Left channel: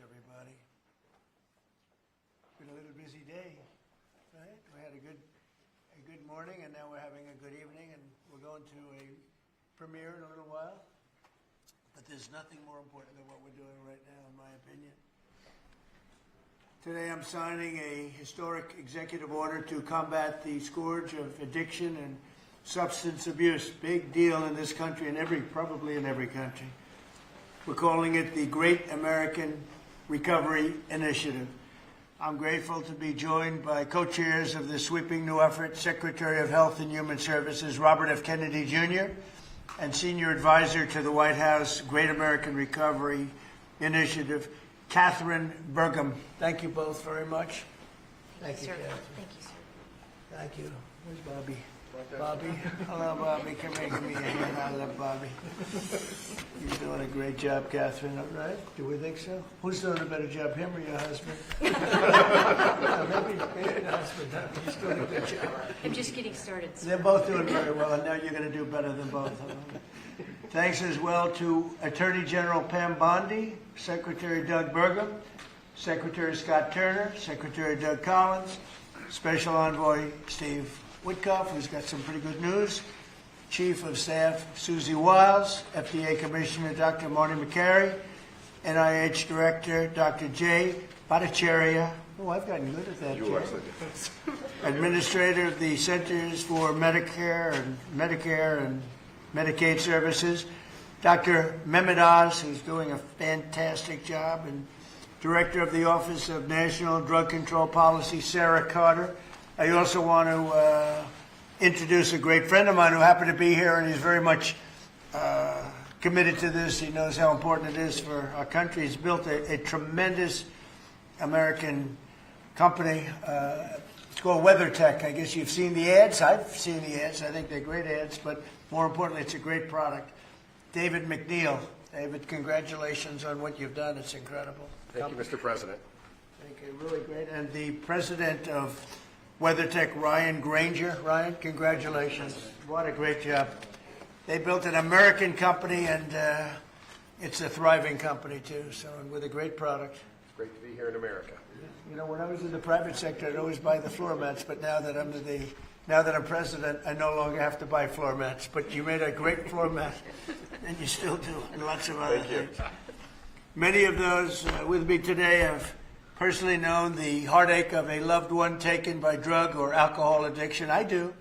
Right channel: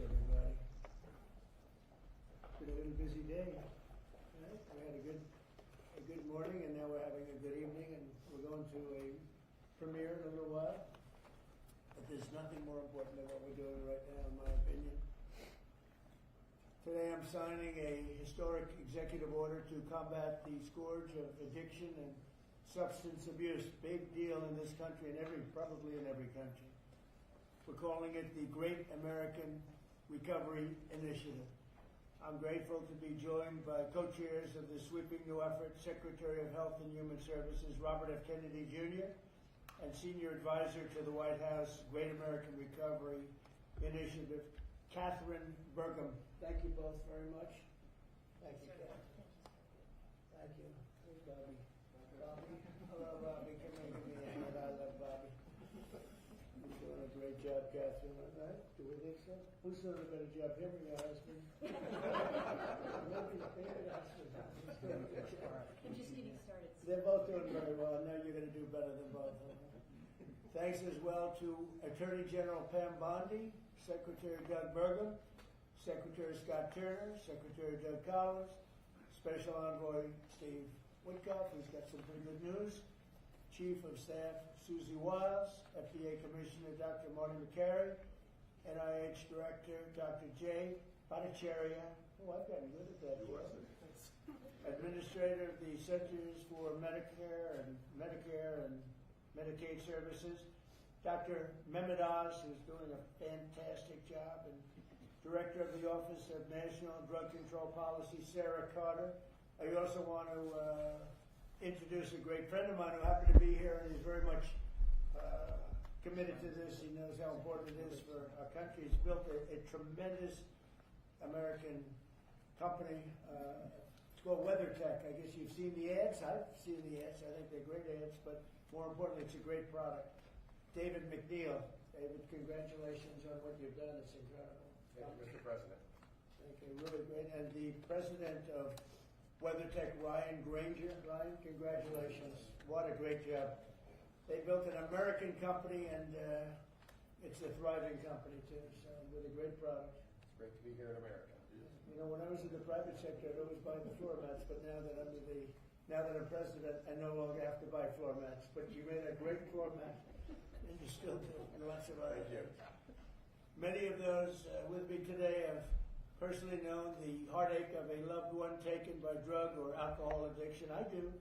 everybody. It's been a little busy day, right? We had a good morning, and now we're having a good evening, and we're going to a premiere in a little while. But there's nothing more important than what we're doing right now, in my opinion. Today I'm signing a historic executive order to combat the scourge of addiction and substance abuse. Big deal in this country and probably in every country. We're calling it the Great American Recovery Initiative. I'm grateful to be joined by co-chairs of this sweeping new effort, Secretary of Health and Human Services Robert F. Kennedy Jr. and Senior Advisor to the White House Great American Recovery Initiative, Katherine Bergam. Thank you both very much. Thank you, sir. Katherine. Thank you, sir. Thank you. Where's Bobby? Bobby? Hello, Bobby. Come here, give me a hand. I love Bobby. You're doing a great job, Katherine. All right? Do we think so? Who's doing a better job, him or your husband? Maybe your husband. He's doing a good job. I'm just getting started, sir. They're both doing very well, and now you're going to do better than both of them. Thanks as well to Attorney General Pam Bondi, Secretary Doug Bergam, Secretary Scott Turner, Secretary Doug Collins, Special Envoy Steve Witkoff, who's got some pretty good news, Chief of Staff Susie Wiles, FDA Commissioner Dr. Marty McCary, NIH Director Dr. Jay Bhattacharya. Oh, I've gotten good at that, Jay. Administrator of the Centers for Medicare and Medicaid Services, Dr. Mehmet Oz, who's doing a fantastic job, and Director of the Office of National Drug Control Policy, Sarah Carter. I also want to introduce a great friend of mine who happened to be here, and he's very much committed to this. He knows how important it is for our country. He's built a tremendous American company. It's called WeatherTech. I guess you've seen the ads. I've seen the ads. I think they're great ads, but more importantly, it's a great product. David McNeil. David, congratulations on what you've done. It's incredible. Thank you, Mr. President. Thank you. Really great. And the president of WeatherTech, Ryan Granger. Ryan, congratulations. What a great job. They built an American company, and it's a thriving company, too, so with a great product. It's great to be here in America. You know, when I was in the private sector, I'd always buy the floor mats, but now that I'm president, I no longer have to buy floor mats. But you made a great floor mat, and you still do, and lots of other things. Many of those with me today have personally known the heartache of a loved one taken by drug or alcohol addiction. I do.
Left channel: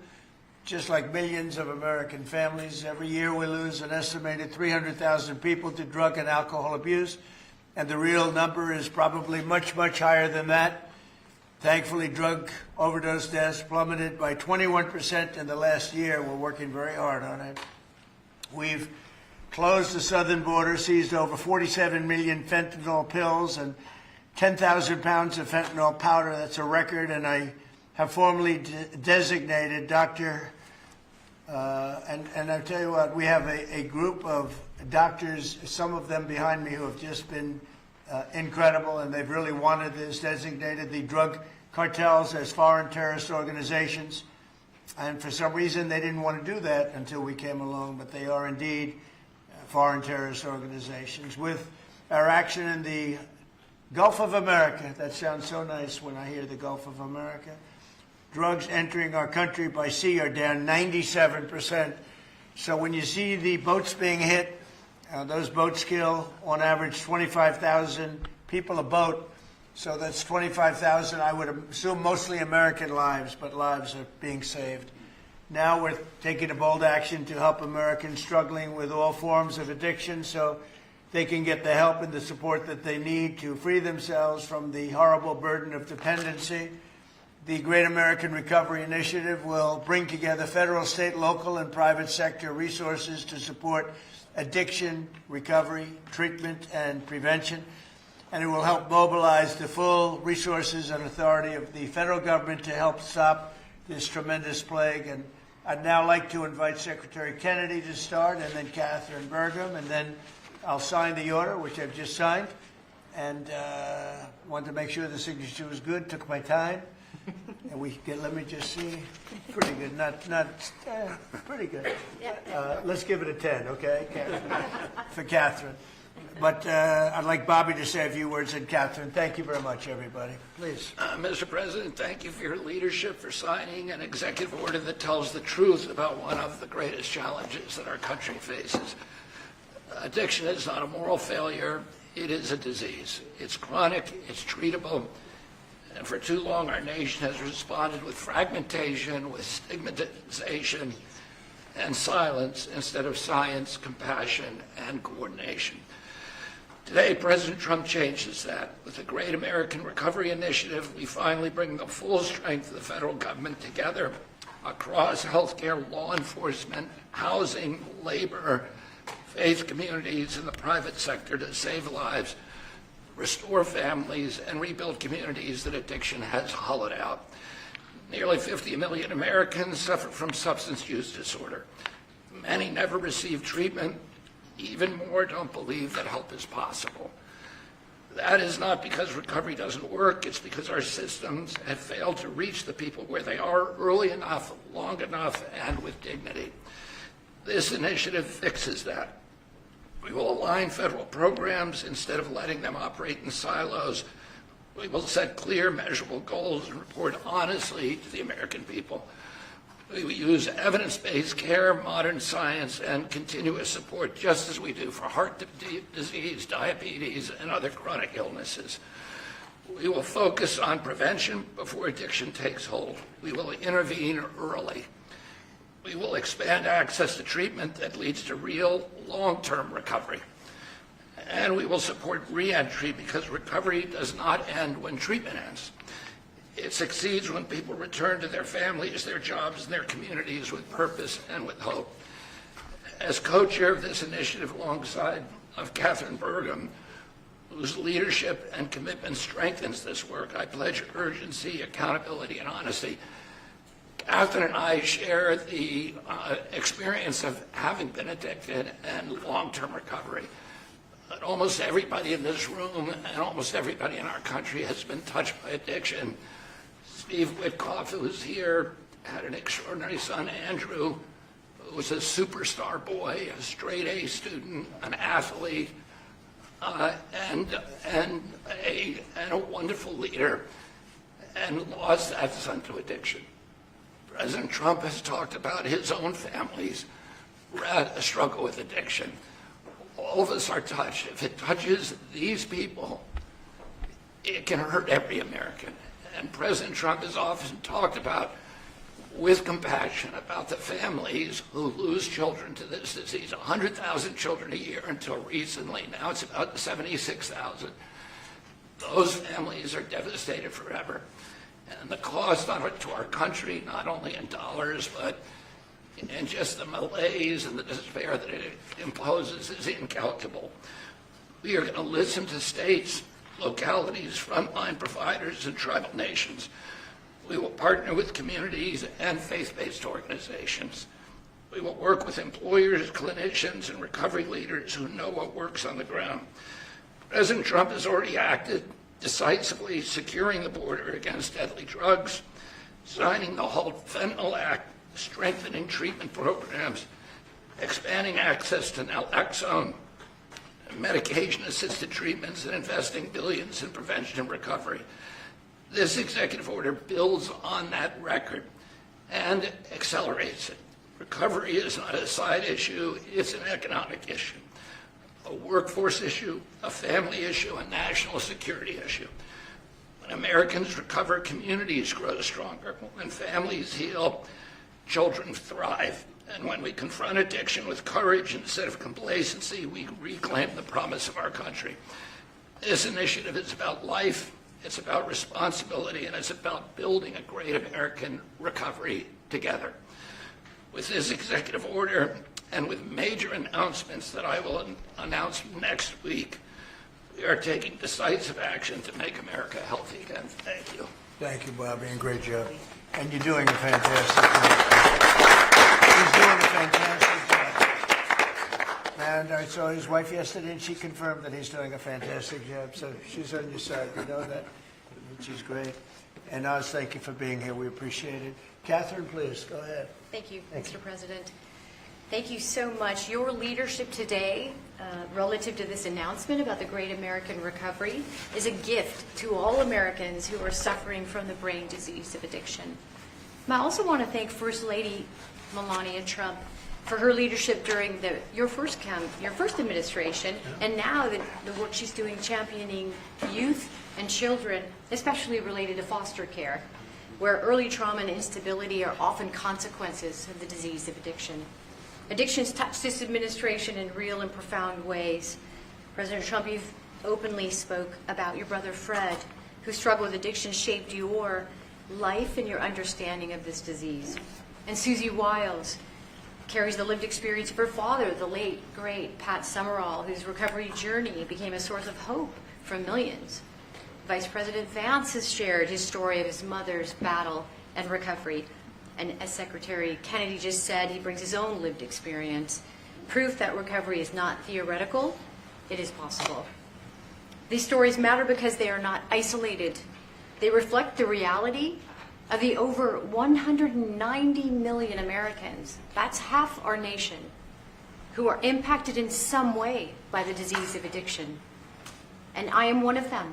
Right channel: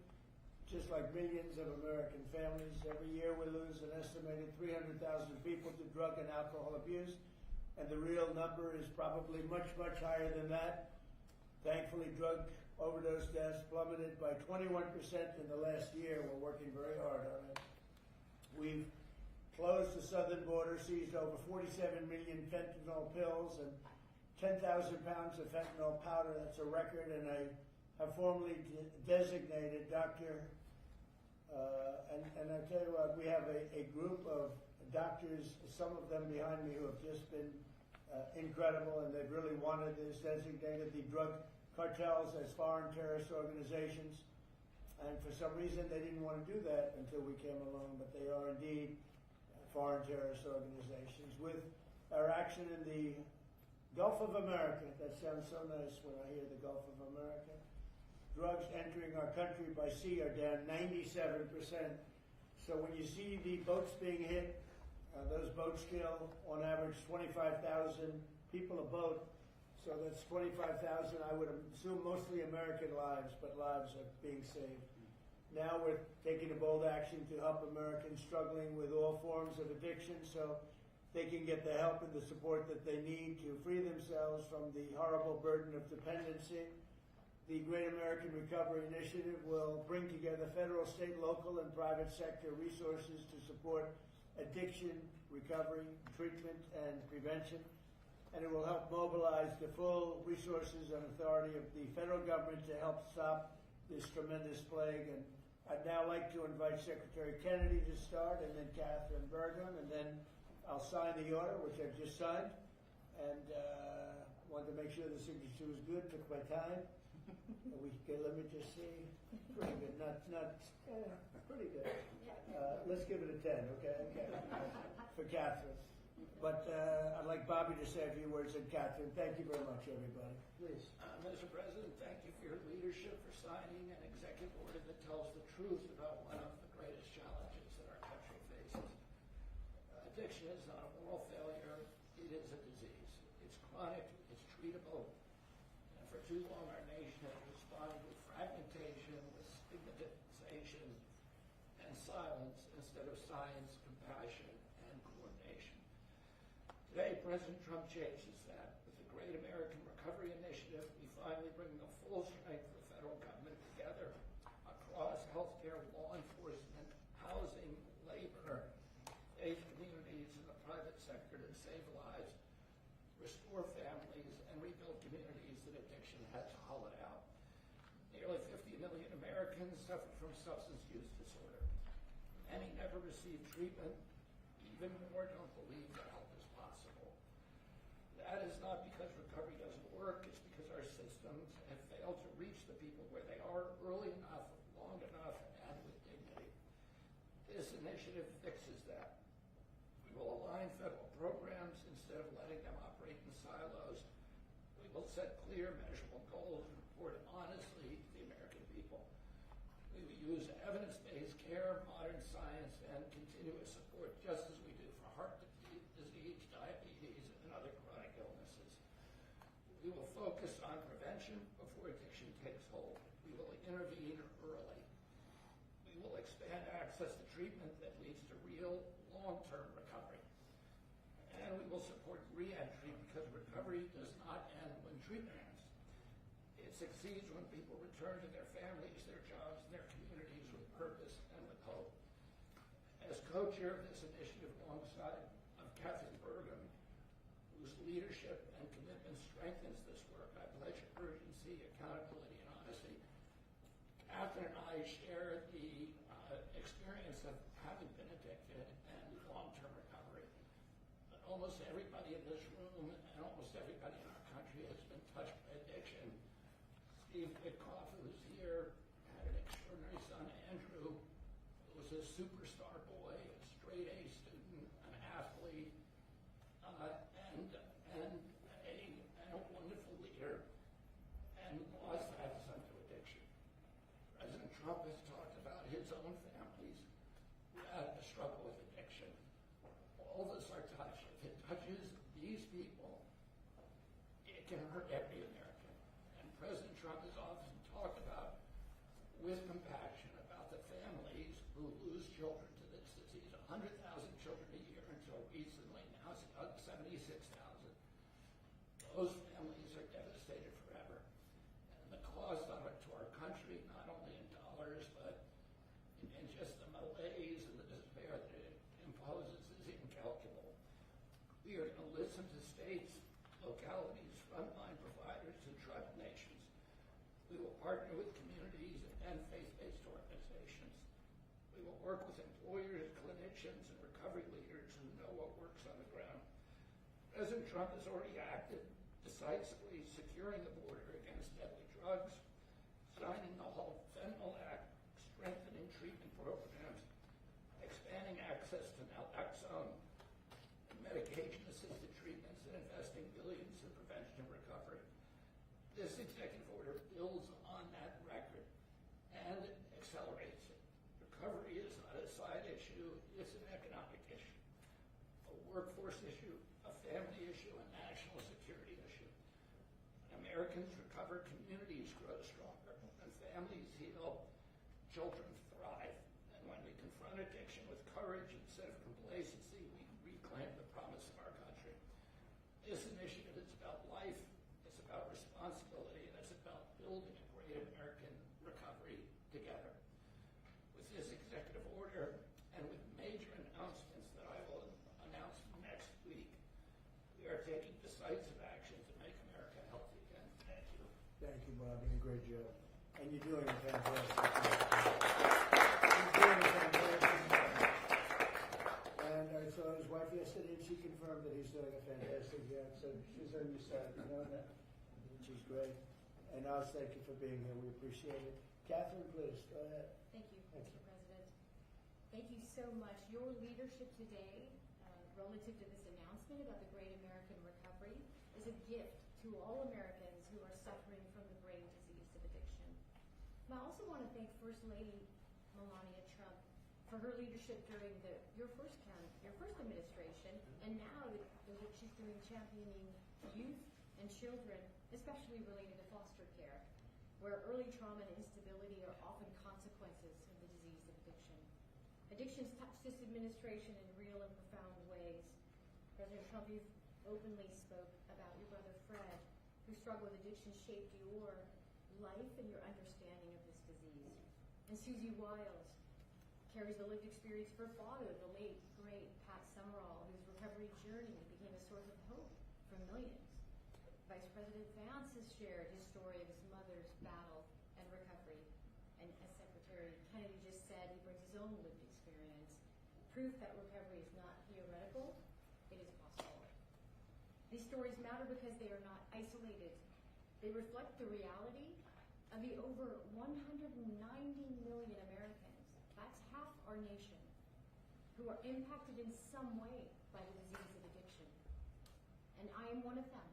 Just like millions of American families, every year we lose an estimated 300,000 people to drug and alcohol abuse, and the real number is probably much, much higher than that. Thankfully, drug overdose deaths plummeted by 21% in the last year. We're working very hard on it. We've closed the southern border, seized over 47 million fentanyl pills and 10,000 pounds of fentanyl powder. That's a record, and I have formally designated Dr. And I'll tell you what, we have a group of doctors, some of them behind me, who have just been incredible, and they've really wanted this, designated the drug cartels as foreign terrorist organizations. And for some reason, they didn't want to do that until we came along, but they are indeed foreign terrorist organizations. With our action in the Gulf of America, that sounds so nice when I hear the Gulf of America. Drugs entering our country by sea are down 97%. So when you see the boats being hit, those boats kill on average 25,000 people a boat. So that's 25,000, I would assume mostly American lives, but lives are being saved. Now we're taking a bold action to help Americans struggling with all forms of addiction so they can get the help and the support that they need to free themselves from the horrible burden of dependency. The Great American Recovery Initiative will bring together federal, state, local, and private sector resources to support addiction, recovery, treatment, and prevention. And it will help mobilize the full resources and authority of the federal government to help stop this tremendous plague. And I'd now like to invite Secretary Kennedy to start, and then Katherine Bergam, and then I'll sign the order, which I've just signed, and wanted to make sure the signature was good. Took my time, and let me just see. Pretty good, pretty good. Let's give it a 10, okay, Katherine? For Katherine. But I'd like Bobby to say a few words, and Catherine. Thank you very much, everybody. Please. Mr. President, thank you for your leadership, for signing an executive order that tells the truth about one of the greatest challenges that our country faces. Addiction is not a moral failure, it is a disease. It's chronic, it's treatable, and for too long our nation has responded with fragmentation, with stigmatization, and silence instead of science, compassion, and coordination. Today, President Trump changes that. With the Great American Recovery Initiative, we finally bring the full strength of the federal government together across healthcare, law enforcement, housing, labor, faith communities, and the private sector to save lives, restore families, and rebuild communities that addiction has hollowed out. Nearly 50 million Americans suffer from substance use disorder. Many never receive treatment. Even more don't believe that help is possible. That is not because recovery doesn't work, it's because our systems have failed to reach the people where they are early enough, long enough, and with dignity. This initiative fixes that. We will align federal programs instead of letting them operate in silos. We will set clear, measurable goals and report honestly to the American people. We will use evidence-based care, modern science, and continuous support, just as we do for heart disease, diabetes, and other chronic illnesses. We will focus on prevention before addiction takes hold. We will intervene early. We will expand access to treatment that leads to real, long-term recovery. And we will support re-entry because recovery does not end when treatment ends. It succeeds when people return to their families, their jobs, and their communities with purpose and with hope. As co-chair of this initiative alongside of Katherine Bergam, whose leadership and commitment strengthens this work, I pledge urgency, accountability, and honesty. Catherine and I share the experience of having been addicted and long-term recovery. But almost everybody in this room and almost everybody in our country has been touched by addiction. Steve Witkoff, who is here, had an extraordinary son, Andrew, who was a superstar boy, a straight A student, an athlete, and a wonderful leader, and lost that son to addiction. President Trump has talked about his own family's struggle with addiction. All of us are touched. If it touches these people, it can hurt every American. And President Trump has often talked about, with compassion, about the families who lose children to this disease. 100,000 children a year until recently. Now it's about 76,000. Those families are devastated forever. And the cost to our country, not only in dollars, but in just the malaise and the despair that it imposes, is incalculable. We are going to listen to states, localities, frontline providers, and tribal nations. We will partner with communities and faith-based organizations. We will work with employers, clinicians, and recovery leaders who know what works on the ground. President Trump has already acted decisively, securing the border against deadly drugs, signing the Halt Fentanyl Act, strengthening treatment programs, expanding access to naloxone, medication-assisted treatments, and investing billions in prevention and recovery. This executive order builds on that record and accelerates it. Recovery is not a side issue, it's an economic issue, a workforce issue, a family issue, a national security issue. When Americans recover, communities grow stronger. When families heal, children thrive. And when we confront addiction with courage instead of complacency, we reclaim the promise of our country. This initiative is about life, it's about responsibility, and it's about building a great American recovery together. With this executive order and with major announcements that I will announce next week, we are taking decisive action to make America healthy again. Thank you. Thank you, Bobby, and great job. And you're doing a fantastic job. He's doing a fantastic job. And I saw his wife yesterday, and she confirmed that he's doing a fantastic job. So she's on your side. You know that, which is great. And Oz, thank you for being here. We appreciate it. Catherine, please, go ahead. Thank you, Thank Mr. President. Thank you so much. Your leadership today, relative to this announcement about the Great American Recovery, is a gift to all Americans who are suffering from the brain disease of addiction. And I also want to thank First Lady Melania Trump for her leadership during your first administration, and now the work she's doing championing youth and children, especially related to foster care, where early trauma and instability are often consequences of the disease of addiction. Addictions touch this administration in real and profound ways. President Trump, you've openly spoke about your brother Fred, whose struggle with addiction shaped your life and your understanding of this disease. And Susie Wiles carries the lived experience of her father, the late, great Pat Summerall, whose recovery journey became a source of hope for millions. Vice President Vance has shared his story of his mother's battle and recovery. And as Secretary Kennedy just said, he brings his own lived experience, proof that recovery is not theoretical, it is possible. These stories matter because they are not isolated. They reflect the reality of the over 190 million Americans, that's half our nation, who are impacted in some way by the disease of addiction. And I am one of them.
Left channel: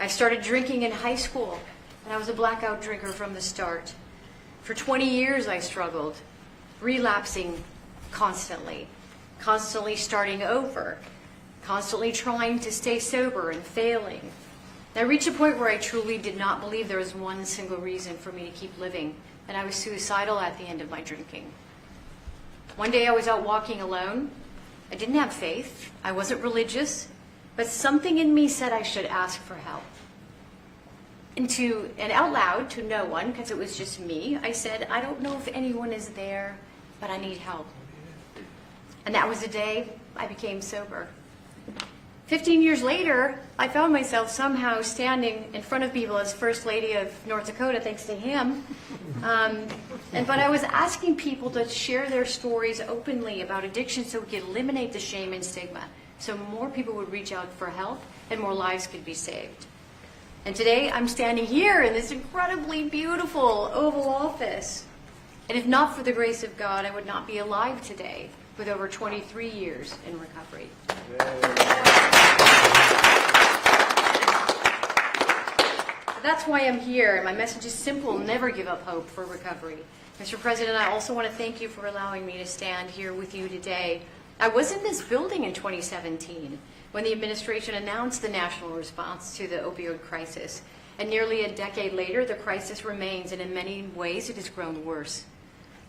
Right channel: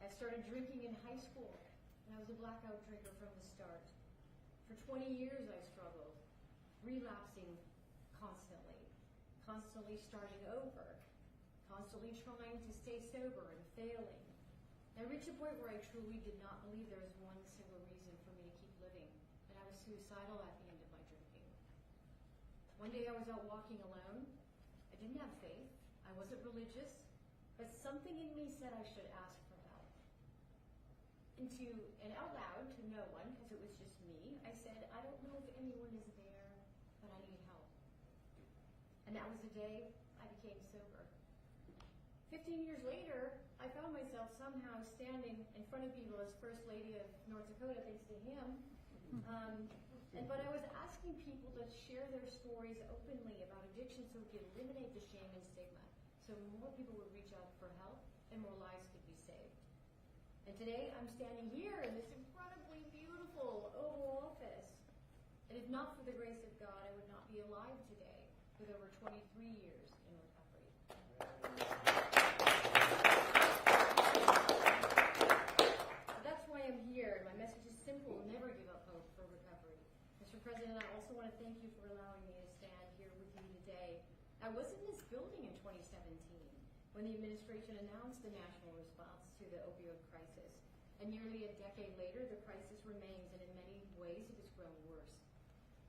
I started drinking in high school, and I was a blackout drinker from the start. For 20 years I struggled, relapsing constantly starting over, constantly trying to stay sober and failing. I reached a point where I truly did not believe there was one single reason for me to keep living, and I was suicidal at the end of my drinking. One day I was out walking alone. I didn't have faith, I wasn't religious, but something in me said I should ask for help. And out loud to no one, because it was just me, I said, I don't know if anyone is there, but I need help. And that was the day I became sober. 15 years later, I found myself somehow standing in front of people as First Lady of North Dakota, thanks to him. But I was asking people to share their stories openly about addiction so we could eliminate the shame and stigma, so more people would reach out for help and more lives could be saved. And today I'm standing here in this incredibly beautiful Oval Office. And if not for the grace of God, I would not be alive today with over 23 years in recovery. That's why I'm here, and my message is simple: never give up hope for recovery. Mr. President, I also want to thank you for allowing me to stand here with you today. I was in this building in 2017 when the administration announced the national response to the opioid crisis. And nearly a decade later, the crisis remains, and in many ways it has grown worse.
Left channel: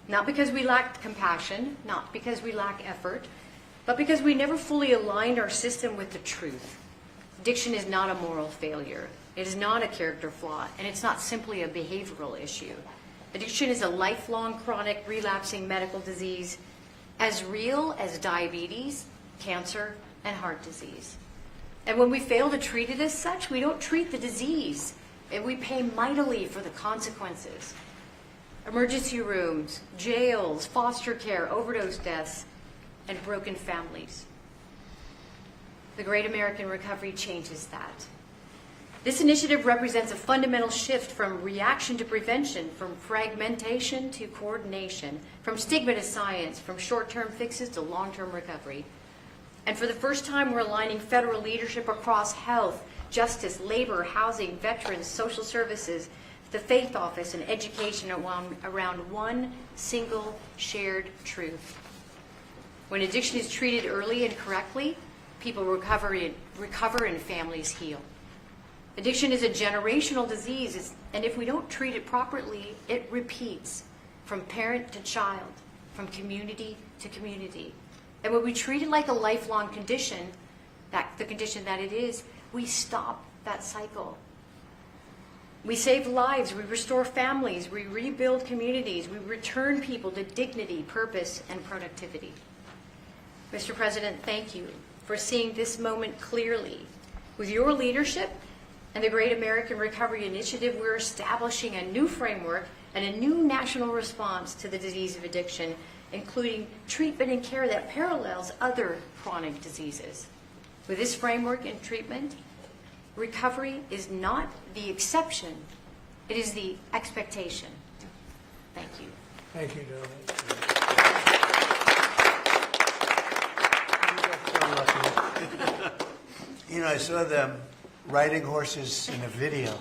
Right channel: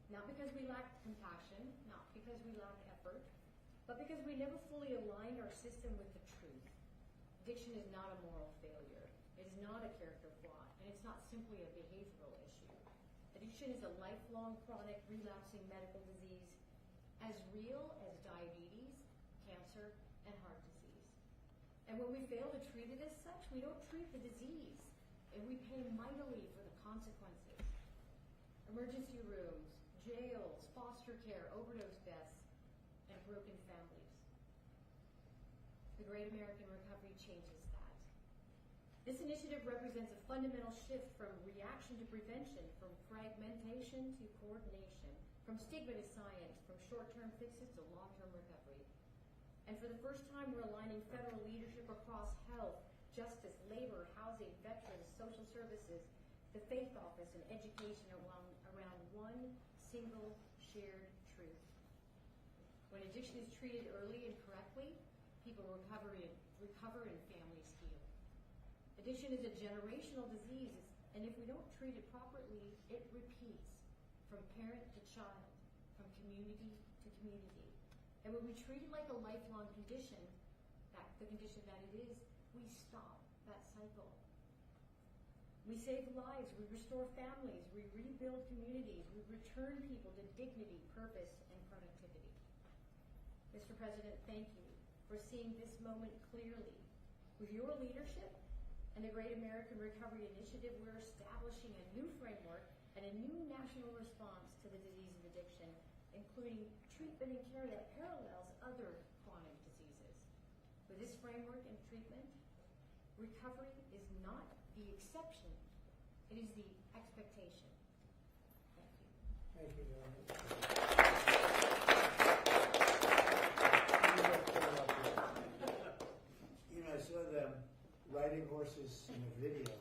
Not because we lacked compassion, not because we lack effort, but because we never fully aligned our system with the truth. Addiction is not a moral failure. It is not a character flaw, and it's not simply a behavioral issue. Addiction is a lifelong, chronic, relapsing medical disease, as real as diabetes, cancer, and heart disease. And when we fail to treat it as such, we don't treat the disease, and we pay mightily for the consequences. Emergency rooms, jails, foster care, overdose deaths, and broken families. The Great American Recovery changes that. This initiative represents a fundamental shift from reaction to prevention, from fragmentation to coordination, from stigma to science, from short-term fixes to long-term recovery. And for the first time, we're aligning federal leadership across health, justice, labor, housing, veterans, social services, the faith office, and education around one single shared truth. When addiction is treated early and correctly, people recover and families heal. Addiction is a generational disease, and if we don't treat it properly, it repeats from parent to child, from community to community. And when we treat it like a lifelong condition, the condition that it is, we stop that cycle. We save lives, we restore families, we rebuild communities, we return people to dignity, purpose, and productivity. Mr. President, thank you for seeing this moment clearly. With your leadership and the Great American Recovery Initiative, we're establishing a new framework and a new national response to the disease of addiction, including treatment and care that parallels other chronic diseases. With this framework and treatment, recovery is not the exception, it is the expectation. Thank you. Thank you, darling. I saw them riding horses in a video,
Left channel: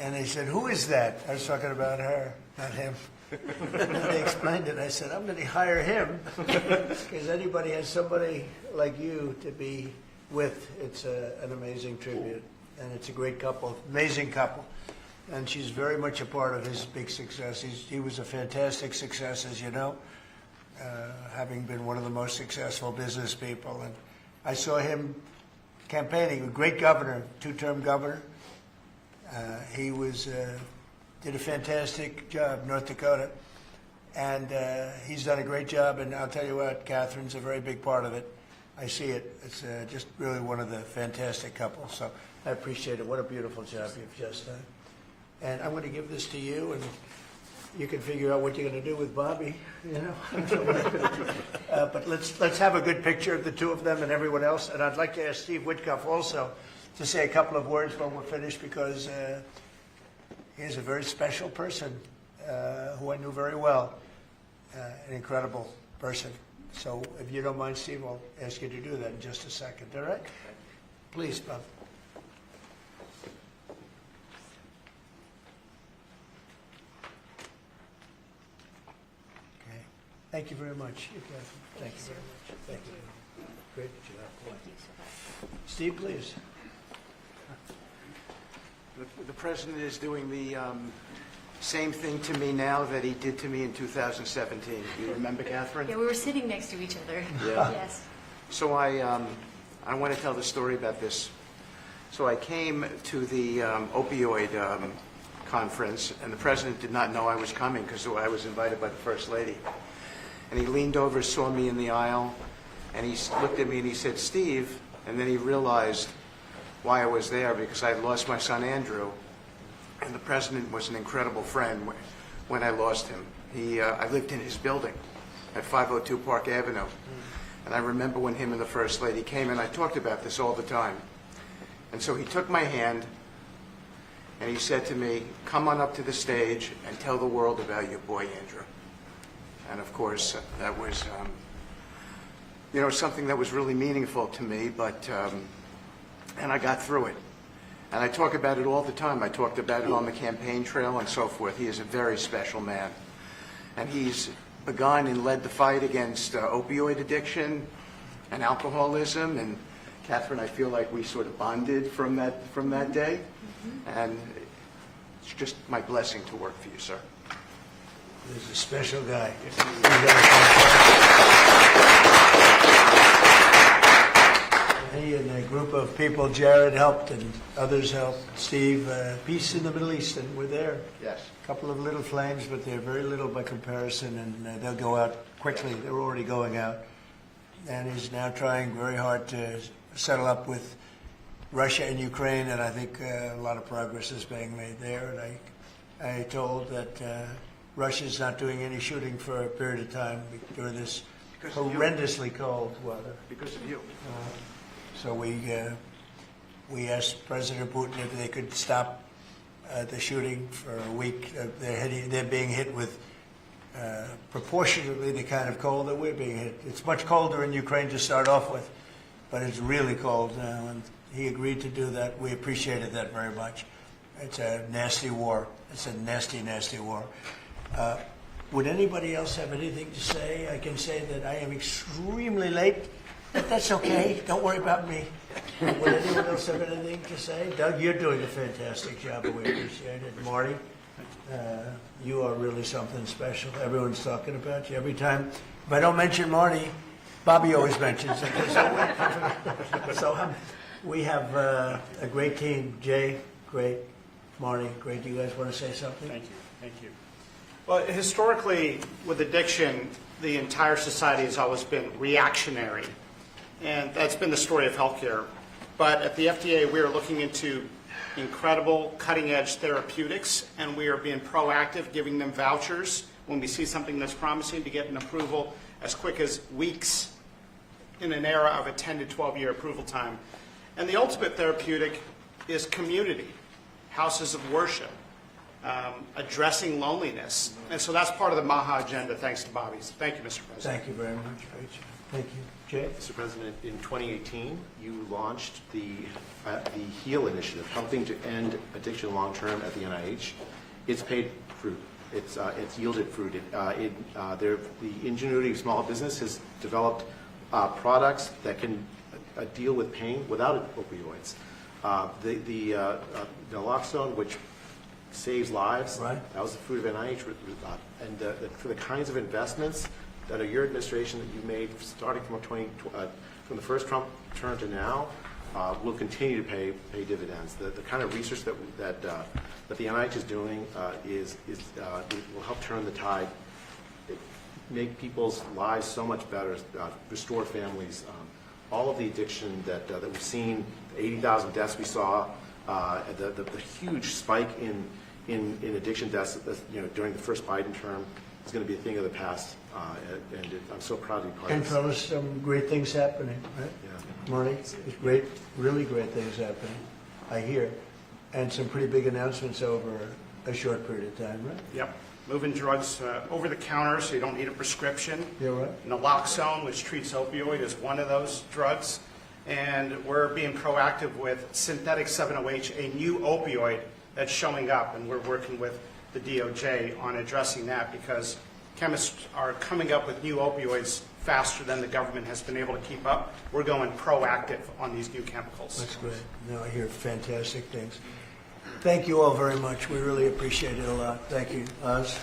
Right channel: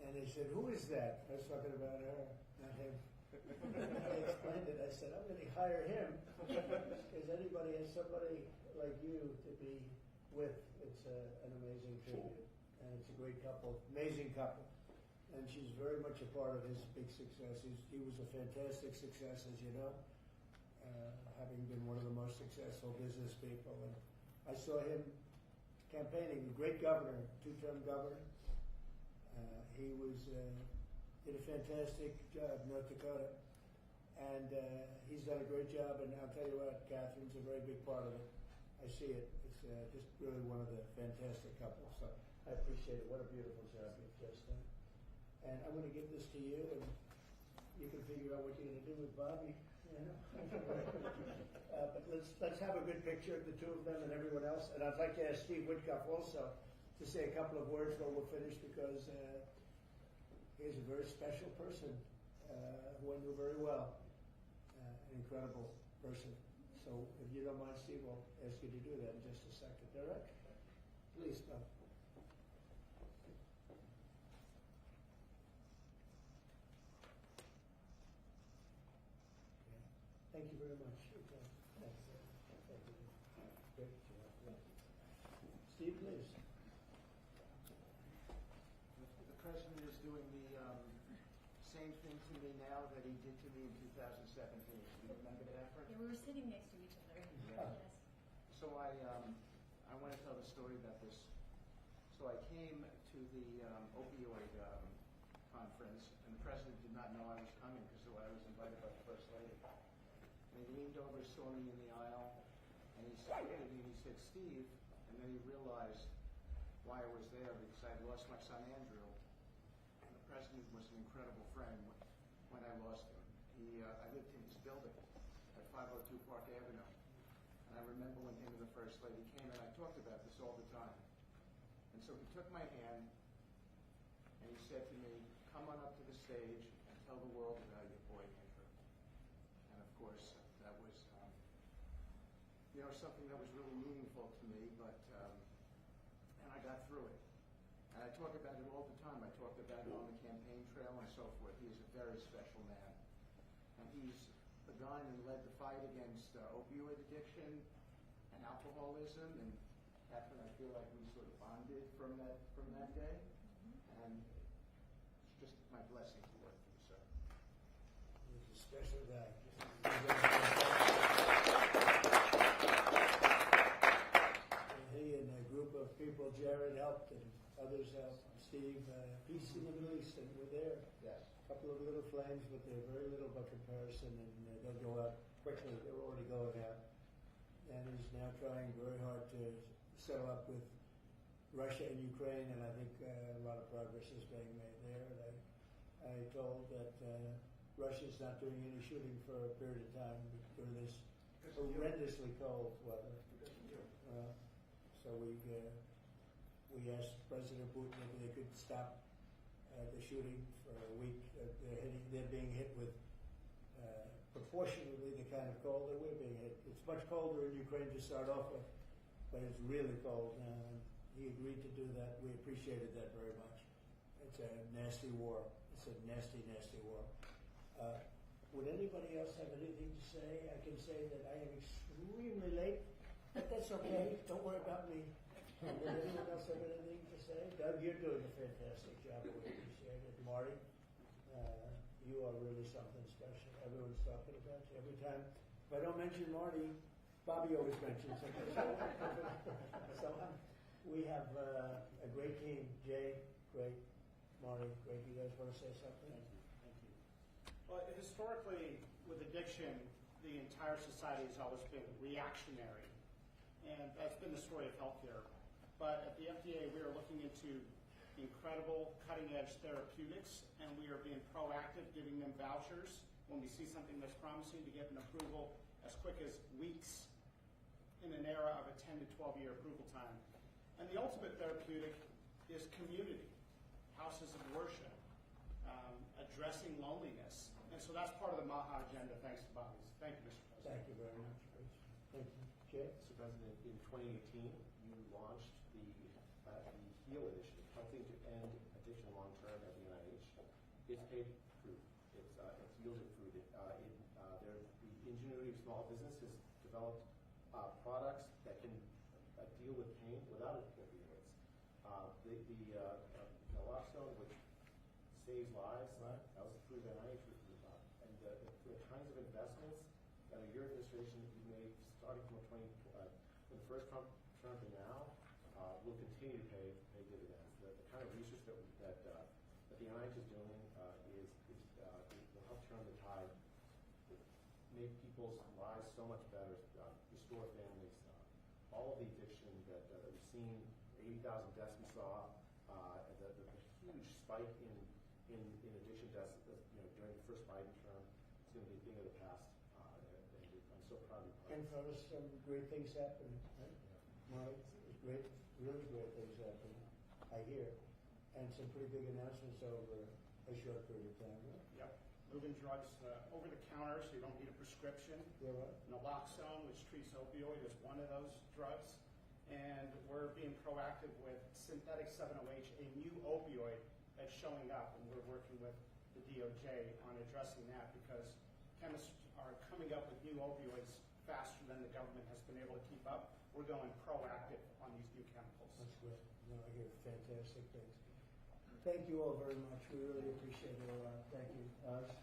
and they said, "Who is that?" I was talking about her, not him. And they explained it. I said, "I'm going to hire him because anybody has somebody like you to be with. It's an amazing tribute, and it's a great couple, amazing couple." And she's very much a part of his big success. He was a fantastic success, as you know, having been one of the most successful business people. And I saw him campaigning, a great governor, two-term governor. He did a fantastic job, North Dakota. And he's done a great job. And I'll tell you what, Catherine's a very big part of it. I see it. It's just really one of the fantastic couples. So I appreciate it. What a beautiful job you've just done. And I'm going to give this to you, and you can figure out what you're going to do with Bobby, you know. But let's have a good picture of the two of them and everyone else. And I'd like to ask Steve Whitcuff also to say a couple of words when we're finished, because he's a very special person who I knew very well, an incredible person. So if you don't mind, Steve, I'll ask you to do that in just a second, all right? Please, Bob. Okay. Thank you very much. Thank you very much. Thank you. Great job. Steve, please. The president is doing the same thing to me now that he did to me in 2017. You remember, Catherine? Yeah, we were sitting next to each other. Yeah. Yes. So I want to tell the story about this. So I came to the opioid conference, and the president did not know I was coming because I was invited by the First Lady. And he leaned over, saw me in the aisle, and he looked at me and he said, "Steve," and then he realized why I was there, because I had lost my son Andrew, and the president was an incredible friend when I lost him. I lived in his building at 502 Park Avenue, and I remember when him and the First Lady came, and I talked about this all the time. And so he took my hand, and he said to me, "Come on up to the stage and tell the world about your boy Andrew." And of course, that was, something that was really meaningful to me, but, and I got through it. And I talk about it all the time. I talked about it on the campaign trail and so forth. He is a very special man. And he's begun and led the fight against opioid addiction and alcoholism. And Catherine, I feel like we sort of bonded from that day. And it's just my blessing to work for you, sir. He's a special guy. He and a group of people, Jared helped and others helped. Steve, peace in the Middle East, and we're there. Yes. A couple of little flames, but they're very little by comparison, and they'll go out quickly. They're already going out. And he's now trying very hard to settle up with Russia and Ukraine, and I think a lot of progress is being made there. And I told that Russia's not doing any shooting for a period of time during this horrendously cold weather. Because of you. So we asked President Putin if they could stop the shooting for a week. They're being hit with proportionately the kind of cold that we're being hit. It's much colder in Ukraine to start off with, but it's really cold now, and he agreed to do that. We appreciated that very much. It's a nasty war. It's a nasty, nasty war. Would anybody else have anything to say? I can say that I am extremely late, but that's okay. Don't worry about me. Would anyone else have anything to say? Doug, you're doing a fantastic job, and we appreciate it. Marty, you are really something special. Everyone's talking about you every time. If I don't mention Marty, Bobby always mentions it. So we have a great team. Jay, great. Marty, great. Do you guys want to say something? Thank you. Thank you. Well, historically, with addiction, the entire society has always been reactionary. And that's been the story of healthcare. But at the FDA, we are looking into incredible cutting-edge therapeutics, and we are being proactive, giving them vouchers when we see something that's promising to get an approval as quick as weeks in an era of a 10 to 12-year approval time. And the ultimate therapeutic is community, houses of worship, addressing loneliness. And so that's part of the MAHA agenda, thanks to Bobby. Thank you, Mr. President. Thank you very much, Rachel. Thank you. Jay? Mr. President, in 2018, you launched the HEAL initiative, helping to end addiction long-term at the NIH. It's paid fruit. It's yielded fruit. The ingenuity of small business has developed products that can deal with pain without opioids. The naloxone, which saves lives, Right. that was the fruit of NIH. And for the kinds of investments that your administration that you made starting from the first Trump term to now will continue to pay dividends. The kind of research that the NIH is doing will help turn the tide, make people's lives so much better, restore families. All of the addiction that we've seen, the 80,000 deaths we saw, the huge spike in addiction deaths during the first Biden term is going to be a thing of the past, and I'm so proud to be part And of this. fellas, some great things happening, right? Yeah. Marty, there's great, really great things happening, I hear. And some pretty big announcements over a short period of time, right? Yep. Moving drugs over the counter so you don't need a prescription. Yeah, right. Naloxone, which treats opioid, is one of those drugs. And we're being proactive with synthetic 7-OH, a new opioid that's showing up. And we're working with the DOJ on addressing that because chemists are coming up with new opioids faster than the government has been able to keep up. We're going proactive on these new chemicals. That's great. No, I hear fantastic things. Thank you all very much. We really appreciate it a lot. Thank you. Oz?